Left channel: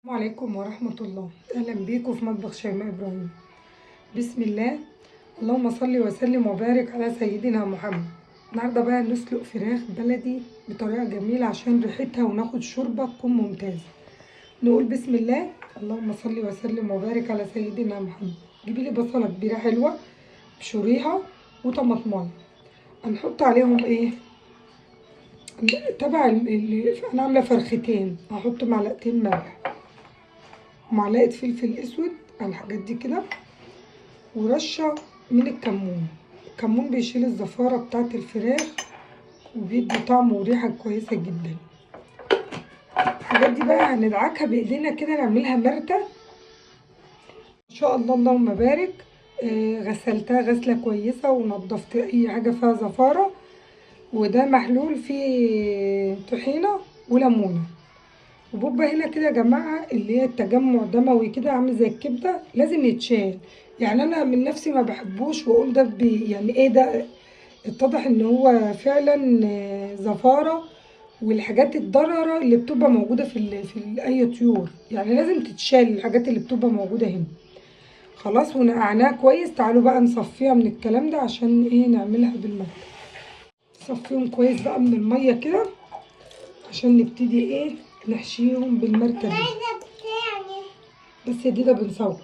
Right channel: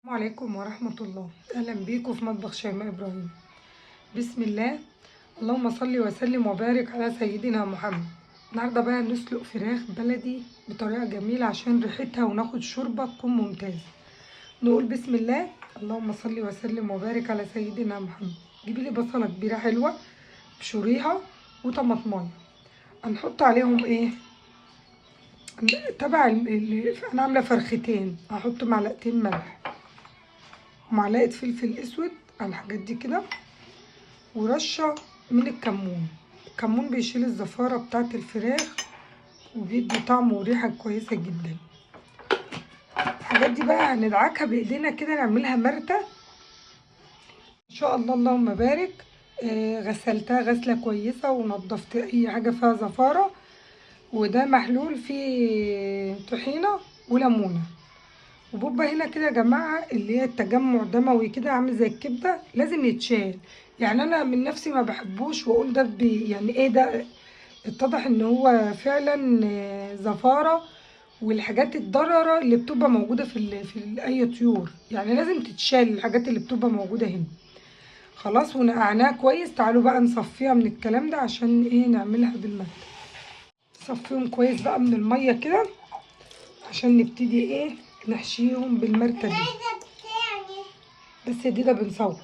السلام عليكم ورحمة الله. أهلا بيكم في مطبخ شيماء إبراهيم. بسم الله، اللهم صل وسلم وبارك على سيدنا محمد. النهاردة بقى نسلق فراخ بلدي بطريقة جميلة عشان ريحتها وناخد شوربة تكون ممتازة. نقول بسم الله، اللهم صل وسلم وبارك على سيدنا محمد. جيبي لي بصلة كبيرة حلوة بشوريها وطماطمايه. هنحط عليهم ايه؟ انا عاملة فرختين، هحط معلقتين ملح ومعلقه فلفل اسود على الحاجات دي كده، ورشه من الكمون. الكمون بيشيل الزفاره بتاعه الفراخ وبيدي طعم وريحه كويسه جدا. الحاجات دي بقى هندعكها بايدينا كده، نعملها مرته ان شاء الله. اللهم بارك. غسلتها غسله كويسه ونضفت اي حاجه فيها زفاره، وده محلول فيه طحينه وليمونه وبوبا هنا كده يا جماعه، اللي هي التجمع دموي كده عامل زي الكبده، لازم يتشال. يعني انا من نفسي ما بحبوش واقول ده يعني ايه ده. اتضح ان هو فعلا زفاره، والحاجات الضرره اللي بتبقى موجوده في اي طيور، يعني لازم تتشال الحاجات اللي بتبقى موجوده هنا. خلاص ونقعناها كويس. تعالوا بقى نصفيها من الكلام ده عشان ايه نعملها بالميه. نصفيهم كويس بقى من الميه كده عشان نبتدي ايه نحشيهم بالمركه دي. بس يا ديدا بنصور.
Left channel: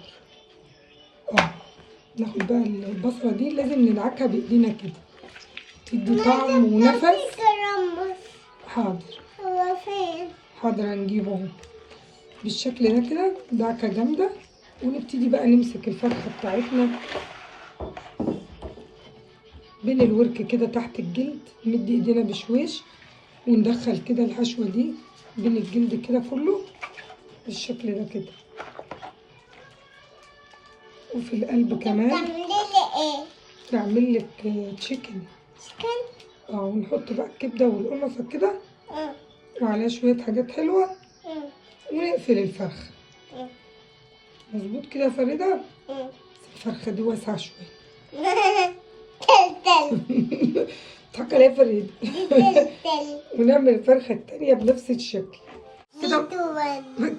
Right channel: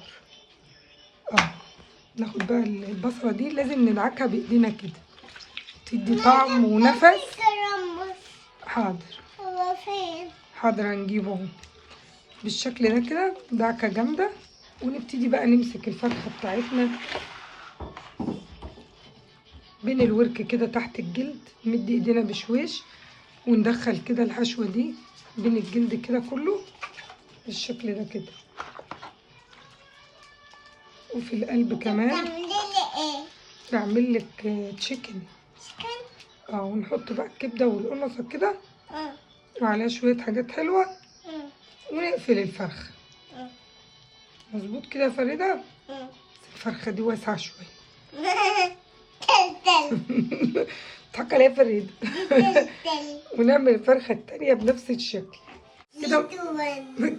ناخد بقى البصله دي، لازم ندعكها بايدينا كده تدي طعم ونفس. حاضر حاضر، هنجيبه اهو بالشكل ده كده، دعكه جامده. ونبتدي بقى نمسك الفرخه بتاعتنا بين الورك كده تحت الجلد، نمد ايدينا بشويش وندخل كده الحشوه دي بين الجلد كده كله بالشكل ده كده. وفي القلب كمان بعمل لك تشيكن. ونحط بقى الكبده والقنصه كده وعليها شويه حاجات حلوه ونقفل الفرخه. مظبوط كده يا فريده؟ الفرخه دي واسعه شويه. تضحك عليا يا فريده. ونعمل الفرخه التانيه بنفس الشكل كده.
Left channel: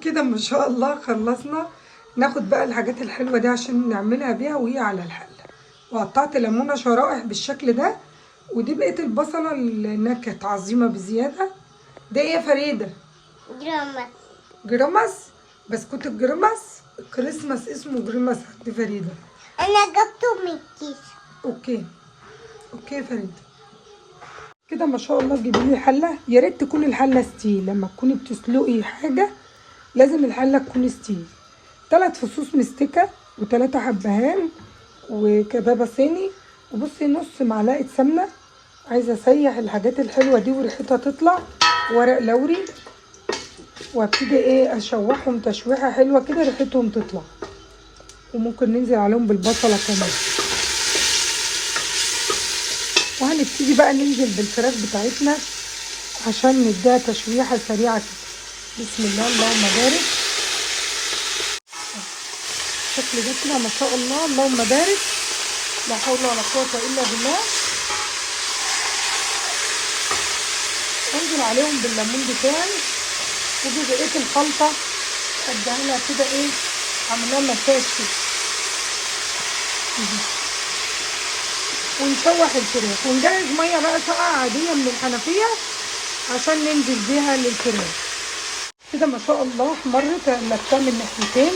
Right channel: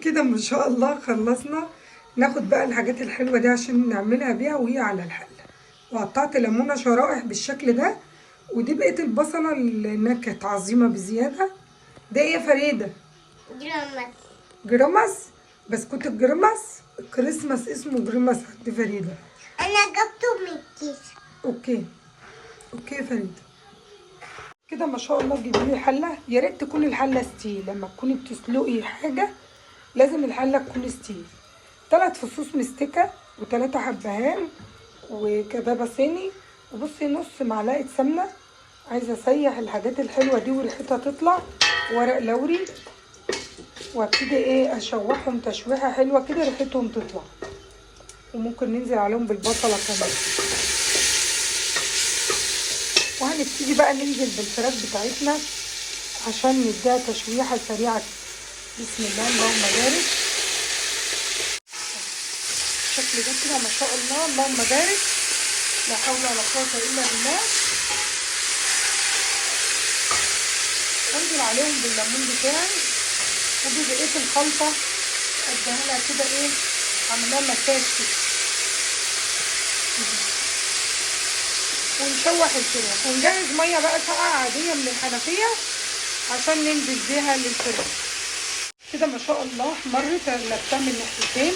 كده ما شاء الله خلصنا. ناخد بقى الحاجات الحلوه دي عشان نعملها بيها وهي على الحله. وقطعت ليمونه شرائح بالشكل ده. ودي بقيه البصله اللي كانت عظيمه بزياده. ده ايه يا فريده؟ جرامس. جرامس؟ بسكوت الجرامس. كريسماس اسمه جرامس عند فريده. انا جبته من الكيس. اوكي يا فريده. كده ما شاء الله. تجيبي لي حله، يا ريت تكون الحله ستيل. لما تكوني بتسلقي حاجه لازم الحله تكون ستيل. 3 فصوص مستكه و3 حبهان وكبابه صيني. وبصي نص معلقه سمنه. عايزه اسيح الحاجات الحلوه دي وريحتها تطلع. ورق لوري. وابتدي ايه اشوحهم تشويحه حلوه كده ريحتهم تطلع. وممكن ننزل عليهم بالبصله كمان. وهنبتدي بقى ننزل بالفراخ بتاعتنا عشان نديها تشويحه سريعه كده. بسم الله اللهم بارك. الشكل ده كده ما شاء الله اللهم بارك. لا حول ولا قوه الا بالله. انزل عليهم بالليمون بتاعي. ودي بقيه الخلطه اديها لها كده ايه، عامله مساج كده. ونشوح الفراخ ونجهز ميه بقى ساقعه عاديه من الحنفيه عشان ننزل بيها للفراخ. كده ما شاء الله احمرت. قلبتها من ناحيتين.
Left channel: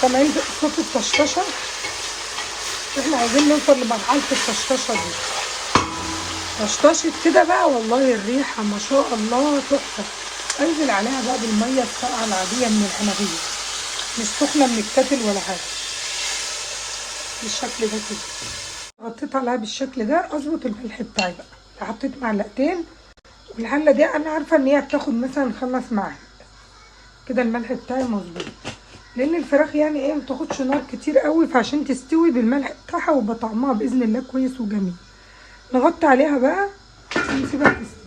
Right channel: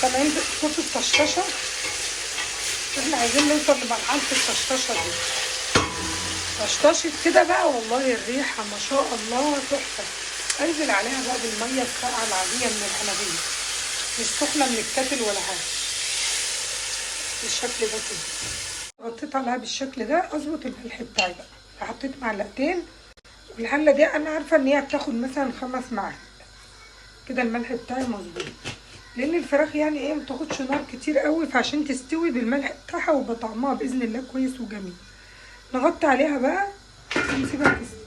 سامعين صوت الطشطشه؟ احنا عايزين نوصل لمرحله الطشطشه دي. طشطشت كده بقى والله الريحه ما شاء الله تحفه. انزل عليها بقى بالميه الساقعه العاديه من الحنفيه، مش سخنه من الكاتل ولا حاجه. بالشكل ده كده غطيت عليها بالشكل ده. اظبط الملح بتاعي بقى. حطيت معلقتين. الحله دي انا عارفه ان هي بتاخد مثلا 5 معالق كده. الملح بتاعي مظبوط لان الفراخ يعني ايه متاخدش نار كتير قوي، فعشان تستوي بالملح بتاعها ويبقى طعمها باذن الله كويس وجميل. نغطي عليها بقى ونسيبها تستوي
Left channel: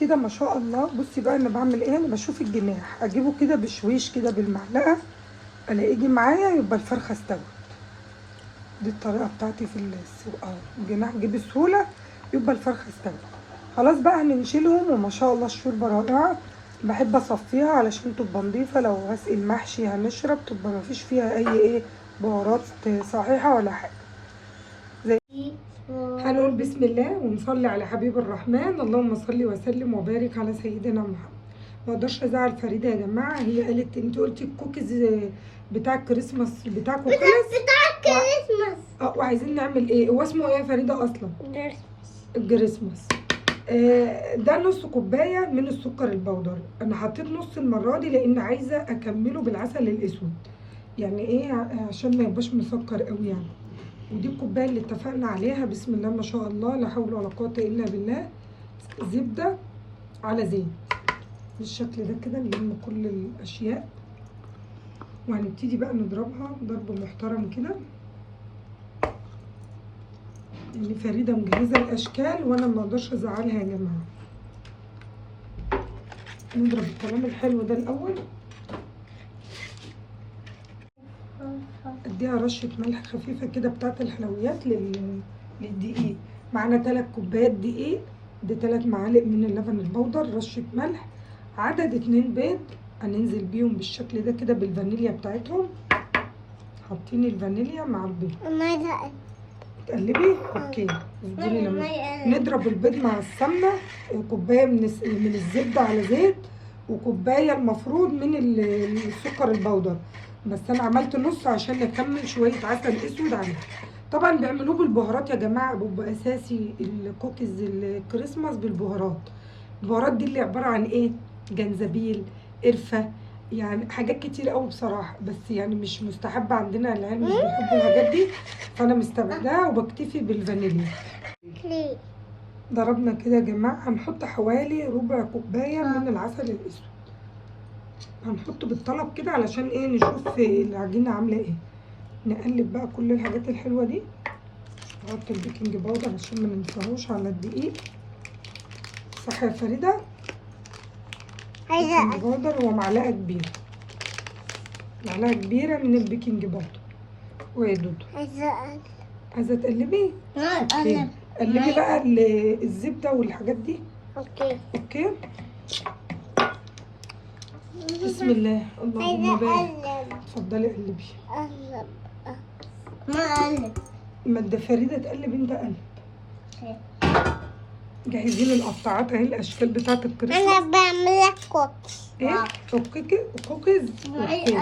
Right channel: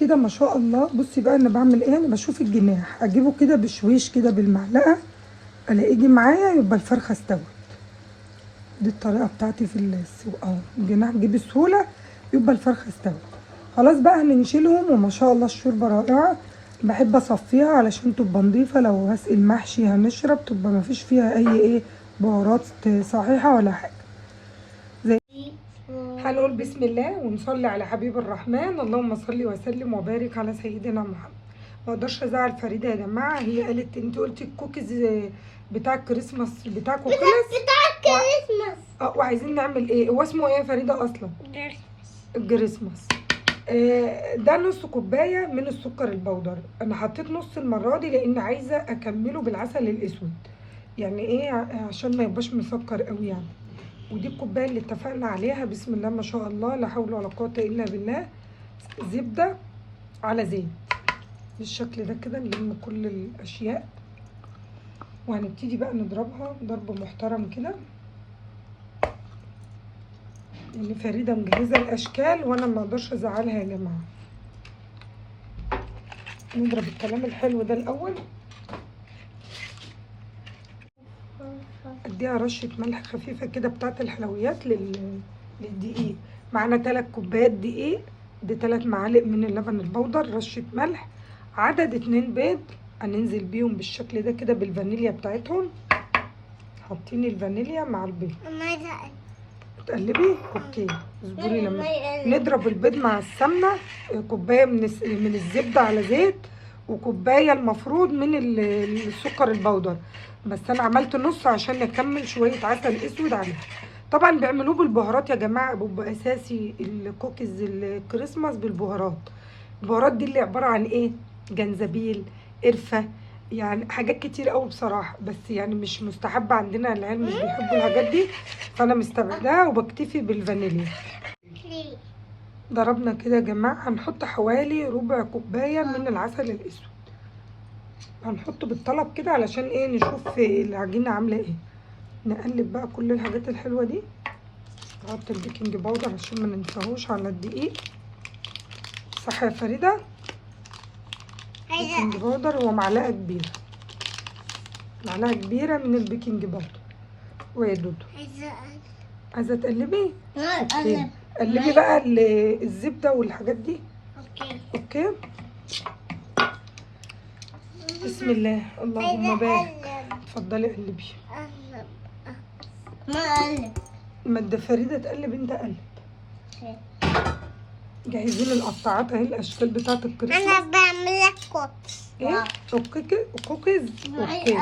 كده ما شاء الله. بصي بقى انا بعمل ايه. انا بشوف الجناح اجيبه كده بشويش كده بالمعلقه، الاقيه يجي معايا يبقى الفرخه استوت. دي الطريقه بتاعتي في السلق. الجناح جيب بسهوله يبقى الفرخه استوت. خلاص بقى هنشيلهم وما شاء الله الشوربه رائعه. بحب اصفيها علشان تبقى نضيفه، لو هسقي المحشي هنشرب تبقى مفيش فيها اي بهارات صحيحه ولا حاجه. هنقول بسم الله ونصلي على حبيب الرحمن. اللهم صل وسلم وبارك على سيدنا محمد. ما اقدرش ازعل فريده يا جماعه، هي قالت انت قلتي الكوكيز بتاع الكريسماس بتاعكم خلص. بتاع الكريسماس. وعايزين نعمل ايه؟ هو اسمه ايه يا فريده اصلا؟ الكريسماس. ده نص كوبايه من السكر البودر. انا حطيت نص المره دي لان عايزه اكمله بالعسل الاسود، يعني ايه عشان ما يبقاش مسكر قوي يعني. ودي الكوبايه اللي اتفقنا عليها. بسم الله ما شاء الله لا حول ولا قوه الا بالله. زبده على زيت بالشكل ده كده، نلم كل الاشياء وهنبتدي بقى نضربها ضرب محترم كده. يعني فريده مجهزه الاشكال وانا ما اقدرش ازعلها يا جماعه. نضرب الكلام الحلو ده الاول. اديها رشه ملح خفيفه كده بتاعت الحلويات للدقيق. معانا 3 كوبايات دقيق، دي 3 معالق من اللبن البودر، رشه ملح، عدد 2 بيض هننزل بيهم بالشكل ده كده بالفانيليا بتاعتهم. حاطين الفانيليا مع البيض. تقلبي اوكي. اصبري لما نضرب البيض مع السمنه. كوبايه من الزبده على زيت، وكوبايه المفروض من السكر البودر، بس انا عملت نص عشان اكمل شويه عسل اسود عليه. طبعا بيعملوه بالبهارات يا جماعه، بيبقى اساسي الكوكيز الكريسماس بالبهارات. البهارات دي اللي عباره عن ايه؟ جنزبيل، قرفه، يعني حاجات كتير قوي بصراحه، بس يعني مش مستحبه عندنا، العيال مش بيحبوا الحاجات دي، فانا مستبعداها وبكتفي بالفانيليا. ضربنا كده يا جماعه. هنحط حوالي ربع كوبايه من العسل الاسود، هنحطه بالطلب كده علشان ايه؟ نشوف العجينه عامله ايه. نقلب بقى كل الحاجات الحلوه دي. نحط البيكنج باودر عشان ما ننساهوش على الدقيق. صح يا فريده؟ البيكنج باودر هو معلقه كبيره، معلقه كبيره من البيكنج باودر. ويا دودو عايزه تقلبي؟ اوكي. قلبي بقى الزبده والحاجات دي. اوكي. بسم الله اللهم بارك. اتفضلي قلبي. ما ده فريده تقلب، انت قلب. جاهزين القطاعات اهي، الاشكال بتاعت الكريسماس. انا بعمل لك كوكس. ايه؟ كوكيز. اوكي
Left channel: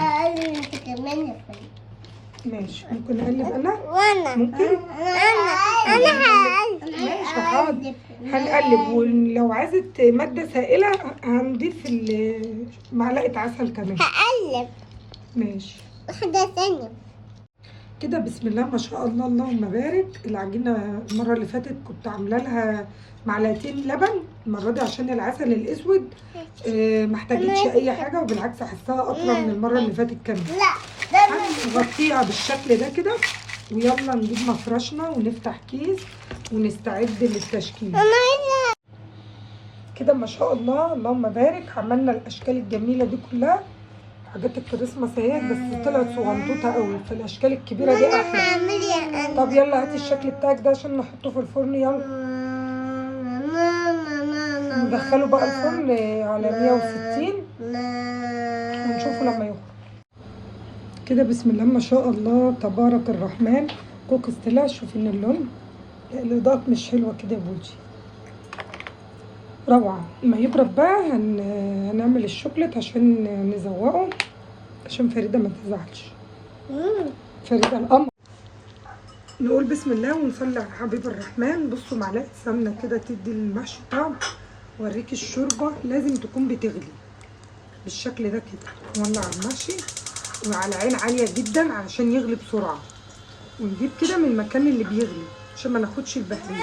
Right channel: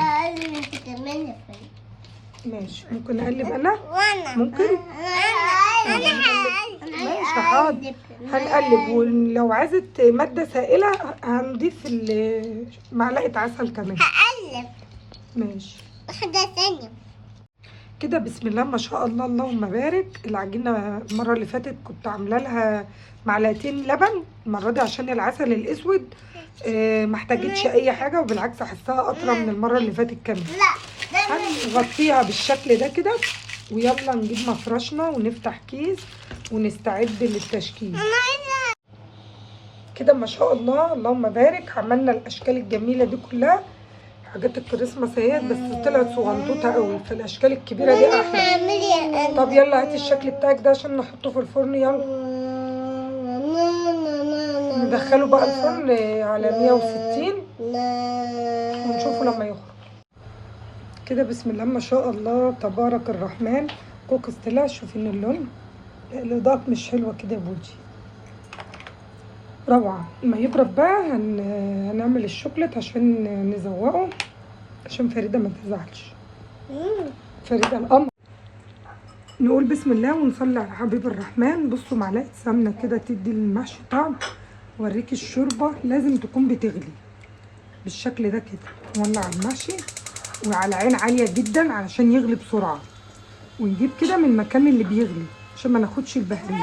انت كمان يا فريد. ماشي. ممكن اقلب انا؟ وانا ممكن. انا هقلب. ماشي حاضر. هنقلب، ولو عايزه ماده سائله هنضيف معلقه عسل كمان. هقلب. ماشي. واحدة ثانية كده. بسم الله ما شاء الله اللهم بارك. العجينه المره اللي فاتت كنت عامله لها معلقتين لبن، المره دي عشان العسل الاسود ما احتاجتش اي حاجه، وبالعكس احسها اطرى من المره اللي فاتت كمان. هنغطيها بالشكل ده كده، ويلا نجيب مفرشنا ونفتح كيس ونستعد للتشكيل. كده ما شاء الله اللهم بارك. عملنا الاشكال الجميله دي كلها، حاجات الكريسماس اهي، بس طلعت صغنطوطه قوي، فالاشكال الكبيره دي احلى. طب يلا هاتي الشكل بتاعك ده عشان نحطه في الفرن. يلا ندخله بقى الفرن على 160 ونشوفه لما يخرج. كده بسم الله ما شاء الله تبارك الرحمن. كوكس طلع. شوفي ان اللون الاضاءات مش حلوه كده يا بوجي. روعه. ما يبرد بقى هنعمل الشوكليت عشان نزوقه، عشان فريده ما تزعلش. فريده الامر. نقول بسم الله ونصلي على حبيب الرحمن. بصوا معلقه سمنه كده تدي للمحشي طعم. اوريكي الشوربه لازم تكون بتغلي بالشكل ده كده. نولع المحشي وعلى عين عاليه جدا علشان يغلي بسرعه، ونجيب كده من المكان اللي بيغلي عشان ما ناخدش البهدله.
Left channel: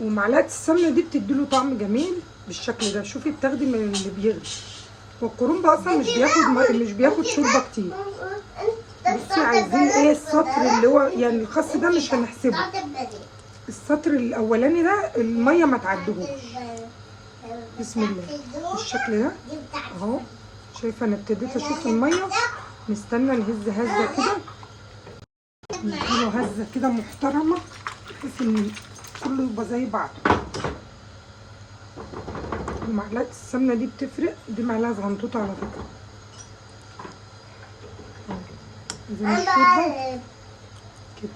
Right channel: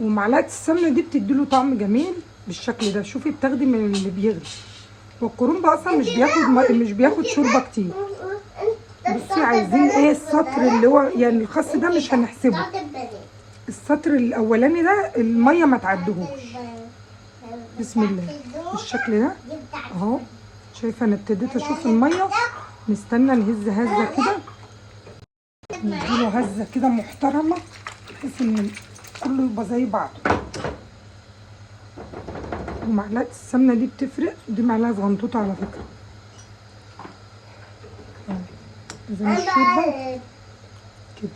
ومعلقه السمنه دي بتديله طعم جميل بالشكل ده. شوفي بتاخدي من اللي بيغلي، والكرنب اصلا مش بياخد شوربه كتير. بصي عايزين ايه؟ السطر اللي هو يعني الخس ده مش هنحسبه، السطر الاولاني ده الميه ما تعدهوش. بسم الله بالشكل ده اهو. شايفه انا ابتديت اشوف الميه. نستنى نهز هزه كده، نديله هزه كده محترمه بحيث ان كله يبقى زي بعضه. ومعلقه السمنه دي بتفرق، دي معلقه صغنطوطه على فكره. زي الشوربه كده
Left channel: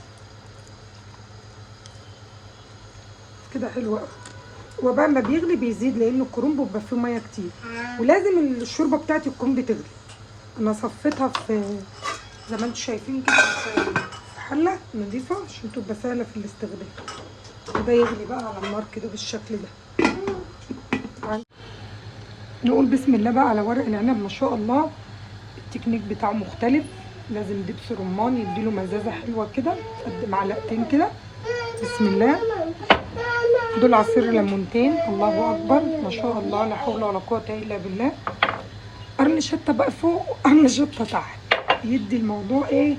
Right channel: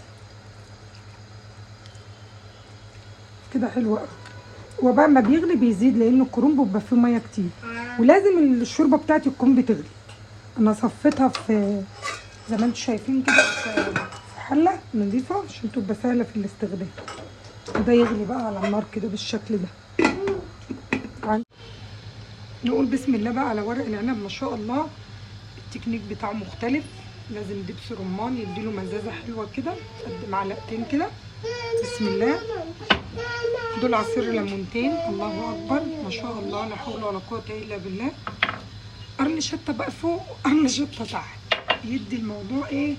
كده حلوه قوي. هو بقى ما بيغلي بيزيد لان الكرنب بيبقى فيه ميه كتير، ولازم الشوربه بتاعتي تكون بتغلي. انا صفيتها في زي ما انتم شايفين كده في حله نضيفه عشان تبقى سهله في الاستخدام. وده يغلي بقى على النار كده بالشكل ده. نقول بسم الله بقى على ورق العنب. ما شاء الله التكنيك بتاعه مختلف، لازم دبس رمان يديله مزازه حلوه كده. قد معلقتين كده بسم الله. دول عصير ليمونتين، الله اكبر ما شاء الله لا حول ولا قوه الا بالله. قرن شطه بقى فوق وقرن شطه تحت، يدي الموضوع ايه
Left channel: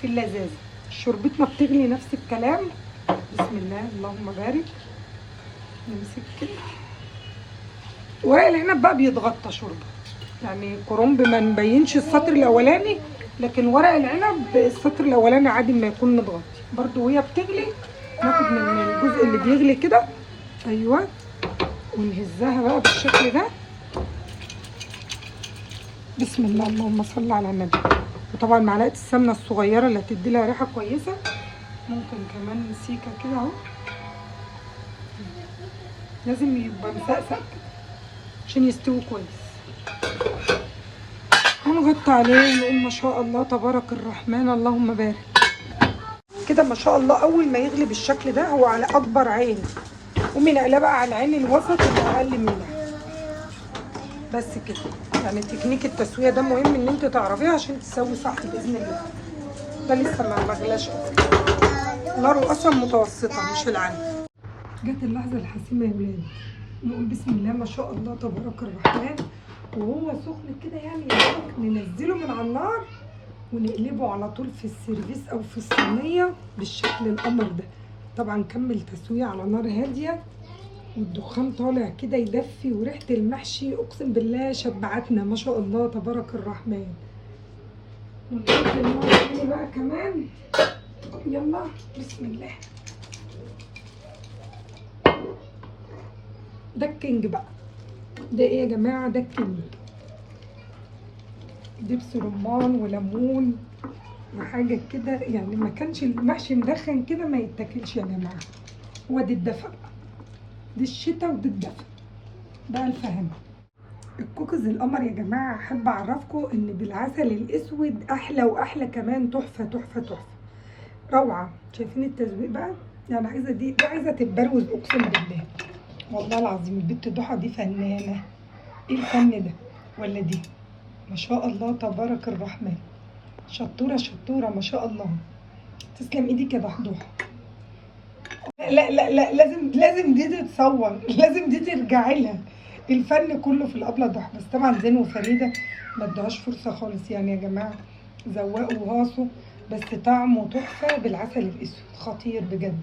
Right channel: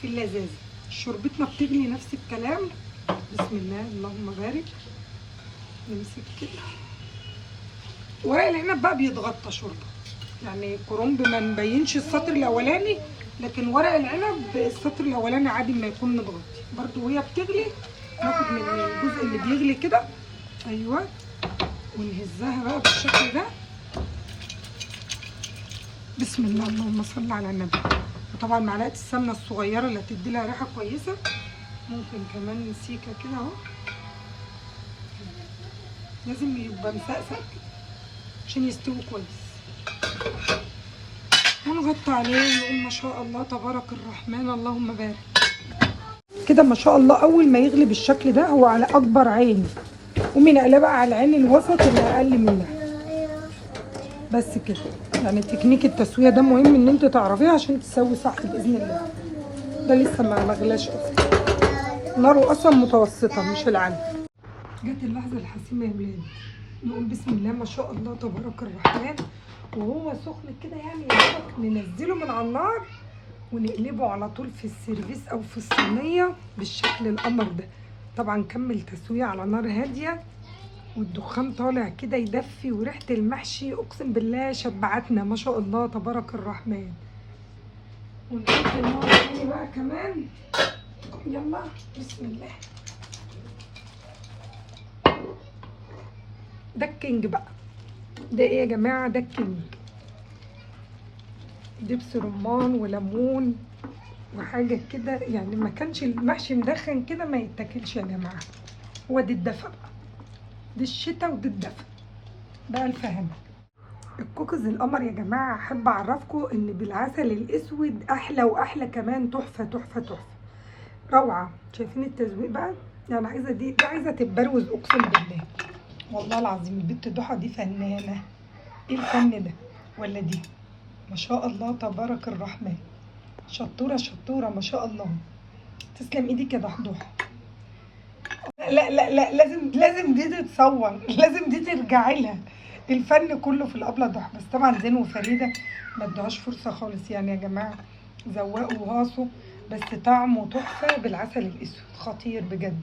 في اللذاذه. شوربتنا بتغلي نفس الكلام. بسم الله اللهم بارك. نمسك كده. ورق العنب بقى بيتغطى شوربه، يعني كرنب ما مبينش السطر الاولاني، لكن ورق العنب السطر الاولاني عادي ما يكون متغطي برضو. وهي بتغلي ناخد من الجزء اللي بيغلي كده، ايوه، ونهزها بقى بالشكل ده. بسم الله اللهم صل على النبي. وطبعا معلقه السمنه الصغيره اللي هتدي لها ريحه كويسه، ممكن كمان سيكه كده اهو. لازم يبقى مسقسق عشان يستوي كويس. هنغطي عليه ونقول ما شاء الله تبارك الرحمن اللهم بارك. كده ما شاء الله اول ما يغلي بالشكل ده هو على اكبر عين، قومي نقليه بقى على العين الوسط اللي اقل منها. بس كده، يعني تكنيك التسويه ده مهم ان انت تعرفيه عشان تسوي صح باذن الله. ده لسه ما غلاش اصلا، ناره اصلا متوسطه مش العاليه. جت اللحظه الحاسمه يا ولاد. نقول بسم الله ما شاء الله تبارك الرحمن. وهو سخن كده يعني ننزله من على النار ونقلبه على طول في السيرفيس او في الصينيه بالشكل القمر ده. طبعا كمل تسويه على نار هاديه والدخان طالع كده يدفي، وريحه المحشي اقسم بالله شبعتنا ما شاء الله تبارك الرحمن. ونحط النار تاني بقى كمان. يلا بسم الله. ده الكينج بقى. ده ايه يا جماعه؟ ده الكينج. دبس رمان وليمون وحاجه كده، يعني ما كانش المحشي مدخن كده ما يتاكلش يا جماعه. هو دي الدفا بقى، دي الشتاء ودي الدفا بقى الفهم. الكوكيز القمر يا جماعه احب اعرفكم ان بالعسل الاسود احلى واحلى كمان. تحفه تحفه تحفه روعه. شايفين التزويق بقى؟ يعني عايزه دي عايزه تتبروز اقسم بالله والله العظيم. البت ضحى دي فنانه. ايه الفن ده؟ ولا دي ما شاء الله تبارك الرحمن. شطوره شطوره ما شاء الله. تسلم ايديك يا ضحى. لا لا لا لازم دي تتصور، لازم دي ترجعي لها. الفن كله في الابله ضحى. بس طبعا زين وفريده ما ادوهاش فرصه خالص يعني يا جماعه. ذواقوا وغاصوا، بس طعمه تحفه بالعسل الاسود خطير بجد.